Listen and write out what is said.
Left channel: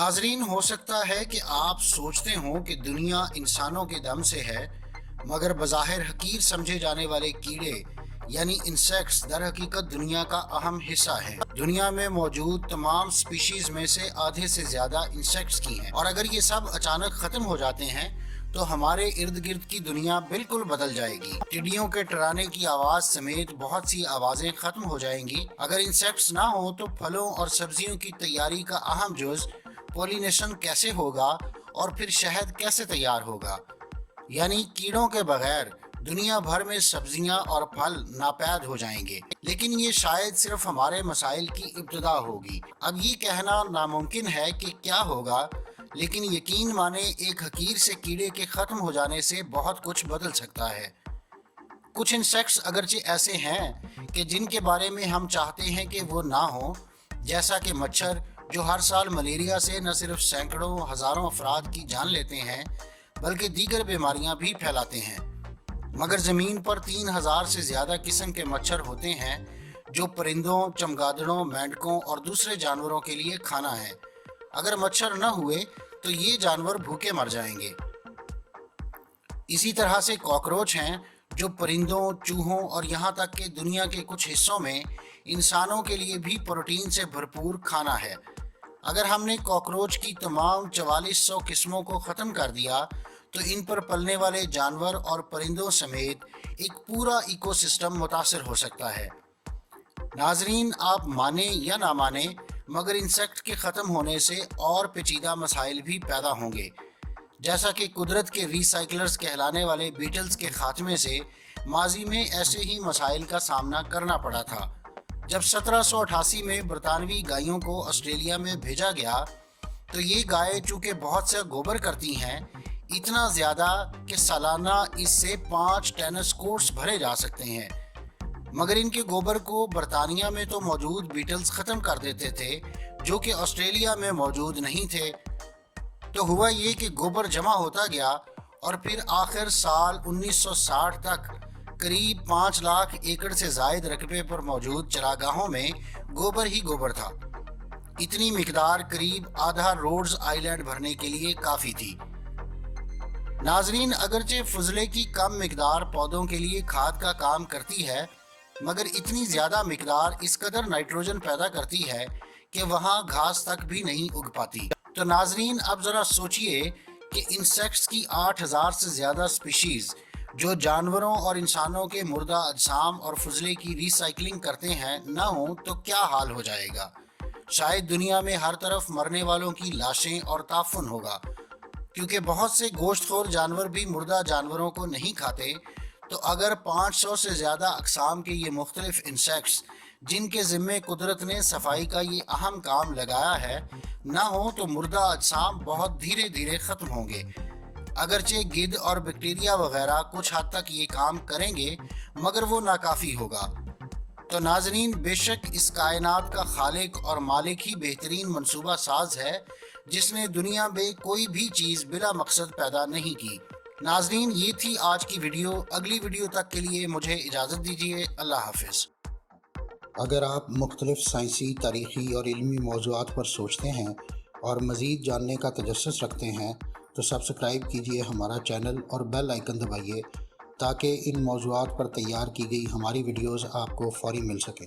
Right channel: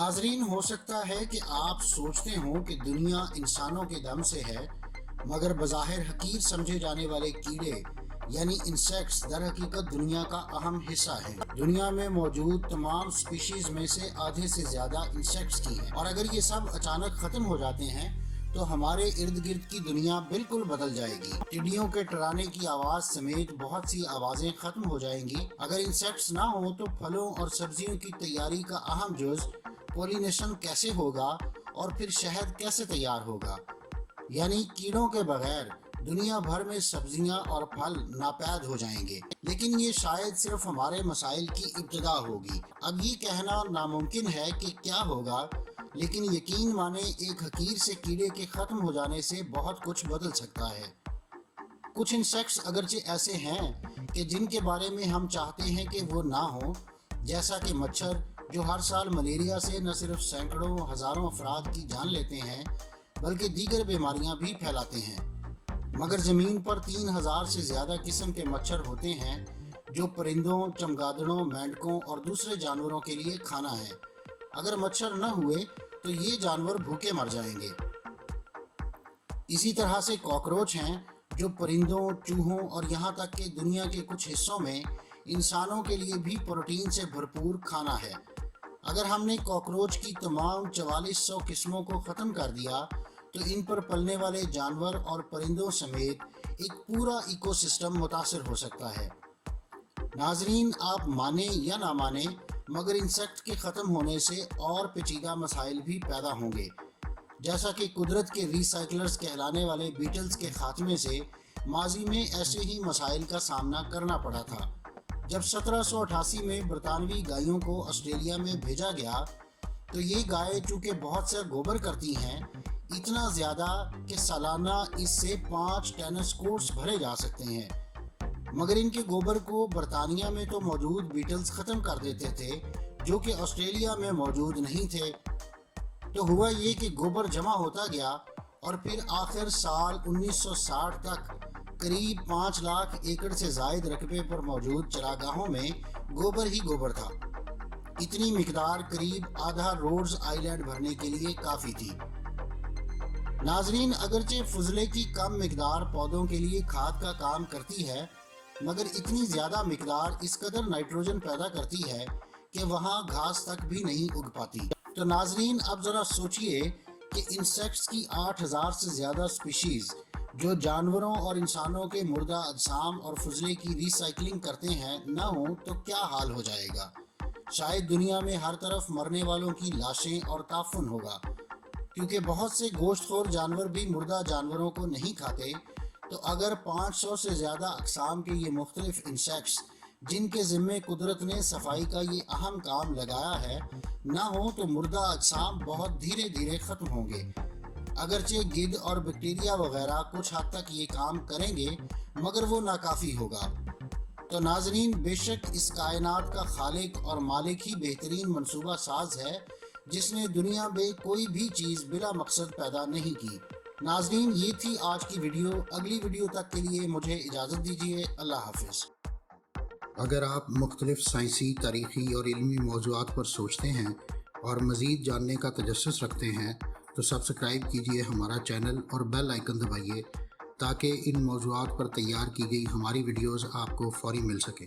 नाजरीन, हो सकता है कि आप सोचते हों कि दुनिया इंसानों के दम से है, मगर बज़ाहिर हकीर समझे जाने वाले कीड़े यानी इंसेक्ट्स दर हकीकत दुनिया का अहम हिस्सा है। दुनिया में मौजूद तमाम स्पीशीज में से आधे से ज्यादा इंसेक्ट्स की हैं, और अगर ये सब अचानक खत्म हो जाते हैं तो हमारे इर्द गिर्द की दुनिया बिल्कुल बदल जाएगी। टिड्डियों के टराने की आवाज समेत बहुत सी आवाजें खत्म हो जाएंगी। अगर इंसेक्ट्स ना हो तो फलों और सब्जियों की तैयारी का अहम जुज पोलिनेशन कैसे होगा, और फिर शहद कैसे तैयार होगा। यानी कीड़ों के बगैर दुनिया भर में सब्जियां और फल नापैद हो जाएंगे। लेकिन ये शायद सिर्फ हमारे मसाइल की इब्तिदा होगी। अब ये कहना नामुमकिन है कि क्या होगा, लेकिन यकीन माने एक हकीर से कीड़े के खत्म हो जाने से बहुत कुछ बदल सकता है। कुछ इंसेक्ट्स अगरचे ऐसे हैं कि जिनके बारे में हम चाहते हैं कि वो ना हो, जैसा कि मच्छर, जो हर साल मलेरिया से न सिर्फ सैकड़ों हजारों अफराद की जान लेते हैं बल्कि दीगर बीमारियां भी फैलाते हैं। मगर ज़मीन पर 3000 से ज़्यादा किस्म के मच्छर होते हैं जो परिंदों, चमगादड़ों, मेंढकों और दूसरे जानवरों के लिए खाना है। अगर मच्छर न हुए तो ये जानवर भूखे मर जाएंगे। इसी तरह से कॉकरोच हैं जो परिंदों, चूहों और यहाँ तक कि दुनिया के कुछ हिस्सों में इंसानों के लिए भी प्रोटीन से भरपूर खाना है। अगर हमने कॉकरोच की तमाम 4400 किस्मों को ख़त्म कर दिया तो इन पर पलने वाले जानवर और परिंदों समेत एक पूरा इकोसिस्टम मुतासर हो सकता है। नाजरीन, आप माने या ना माने, मगर इंसेक्ट के ख़त्म होने से और पेचीदा मसाइल भी पैदा होंगे। जैसा कि कुदरत के रिसाइकलर्स कहलाने वाले बीटल्स के खात्मे से माजी में ऐसे ही मसाइल का सामना करना पड़ा था। जब 1788 में बरतानवी गायों को ऑस्ट्रेलिया में भेजा गया तो ये गायें चूँकि बहुत सा गोबर करती हैं, इतना ज़्यादा कि सालाना इससे 5 टेनिस कोर्ट्स भरे जा सकते हैं। मगर इनके गोबर को बरतानिया में तो मौजूद बीटल्स ख़त्म कर देते थे जो कि ऑस्ट्रेलिया में मौजूद नहीं थे। तो हुआ ये कि गोबर जमा होता गया और फिर आखिर साल 1960 तक करीब 5 लाख एकड़ से ज़ायद रकबे पर मौजूद चरागाहों में गोबर ही गोबर था। इतनी मिकदार करीब आधा रोड्स आइलैंड भरने के लिए काफ़ी थी। नाजरीन, अगरचे फजले की कम मिकदार पौधों के लिए खाद का काम करती है, मगर इतनी ज़्यादा मिकदार इस कदर नाइट्रोजन पैदा करती है कि वहाँ घास तक भी नहीं उग पाती। तो नाजरीन, अब ज़रा सोचिए कि इंसेक्ट्स की 8000 से ज़्यादा स्पीशीज़ जो जानवरों और इंसानों के मुर्दा अजसाम और फजले की रिसाइकलिंग करते हैं ना हो तो क्या हाल हो जाएगा। शायद दुनिया में हर तरफ मरने वालों की लाशें और ताफुन होगा, क्योंकि बहुत से गोश्तखोर जानवर भी मुर्दा जानवरों को नहीं खाते। तो अगर 500 से ज़्यादा अक़साम के ये मुख्तलिफ इंसेक्ट्स जिनके ज़िम्मे कुदरत ने सफाई का ये अहम काम लगाया है ना हो तो मुर्दा अजसाम बहुत धीरे धीरे ख़त्म होंगे। अगरचे गिद्ध और बैक्टीरिया वगैरह कुछ हद तक ये काम करेंगे, मगर वो नाकाफ़ी होगा। तो नाजरीन, बेशक इस कायनात का खालिक और मालिक ही बेहतरीन मंसूबा साज है जिसने दुनिया में कोई भी चीज़ बिला मकसद पैदा नहीं की। नाजरीन, ये थी आज की वीडियो। अगली वीडियो तक के लिए मुझे इजाज़त दीजिए। अल्लाह हाफिज़। अगर आप मुख्तलिफ साइंसी, तारीख़ी और इल्मी मौज़ूआत पर सोचते हैं और मज़ीद जानने का तजस्सुस रखते हैं तो सब्सक्राइब कीजिए हमारा चैनल और बेल आइकन दबाइए ताकि इन मौज़ूआत पर तैयार की गई हमारी वीडियोज़ आपको फ़ौरी मिल सकें।